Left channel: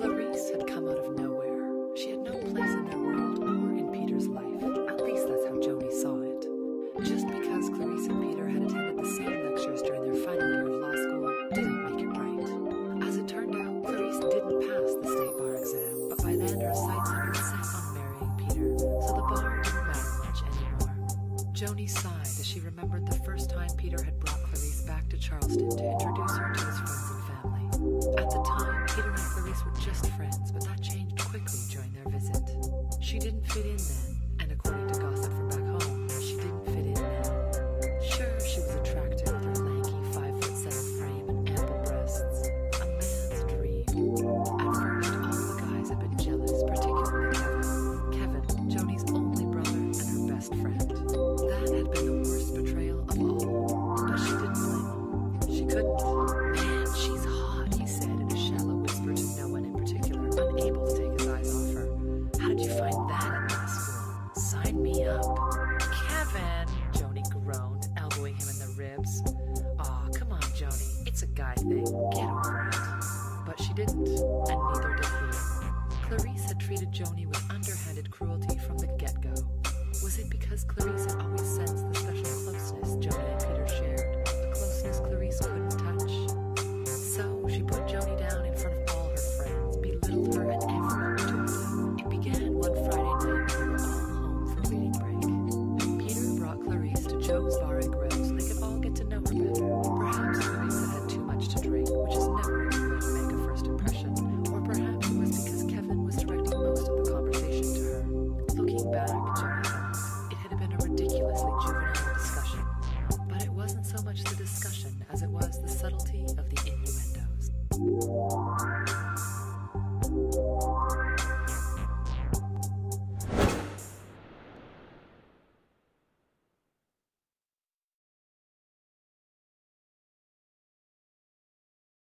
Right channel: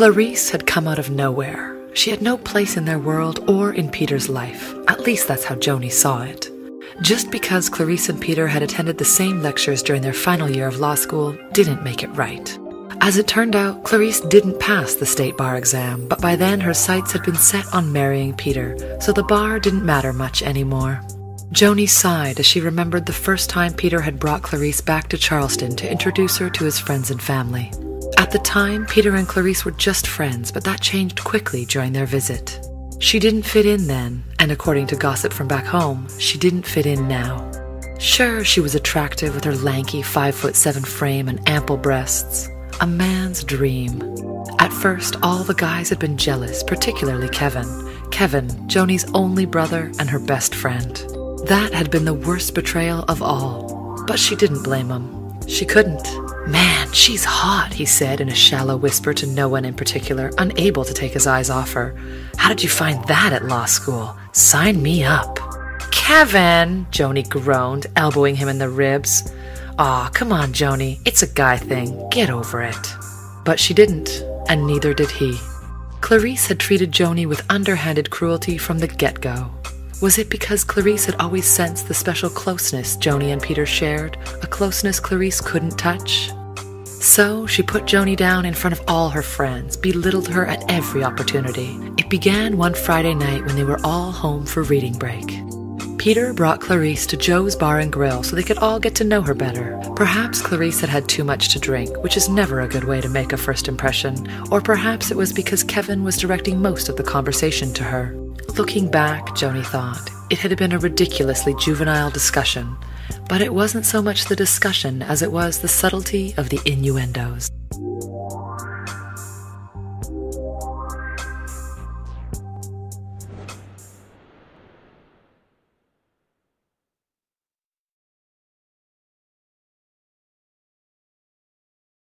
Clarice had come out of nowhere. She had no place in their world or in Peter's life. At least that's how Joanie saw it. Just because Clarice and Peter had attended the same lectures during their final year of law school didn't make it right. As it turned out, Clarice didn't pass the state bar exam, but by then her sights had been set on marrying Peter, so the bar didn't matter much anymore. Joanie sighed as she remembered the first time Peter had brought Clarice back to Charleston to introduce her to his friends and family. At the time, Peter and Clarice were just friends, but that changed quickly during their visit. She didn't fit in then, and according to gossip from back home, she didn't fit in now. Sure, she was attractive with her lanky 5'7" frame and ample breasts. A man's dream. At first, all the guys had been jealous, particularly Kevin. Kevin, Joanie's only brother and her best friend. That had been the worst betrayal of all. But she didn't blame him. She couldn't. "Man, she's hot," he said in a shallow whisper to no one in particular, unable to take his eyes off her. "How did you find that at law school? Sign me up." "Kevin," Joanie groaned, elbowing him in the ribs. "Aw, come on, Joanie. It's a guy thing. Get over it." But she didn't, and neither did he. Clarice had treated Joanie with underhanded cruelty from the get-go. Was it because Clarice had always sensed the special closeness Joanie and Peter shared, a closeness Clarice couldn't touch? So she put Joanie down in front of all her friends, belittled her at every opportunity. It began one Friday night when they were all home for reading break. Peter brought Clarice to Joe's Bar and Grill so they could all get to know her better. Perhaps Clarice had had too much to drink, which is never a good way to make a first impression, or perhaps it was because Kevin was directing most of the conversation to her. Looking back, Joanie thought, it had been a ridiculously juvenile discussion, but it wasn't so much the discussion as it was the subtlety of the innuendos.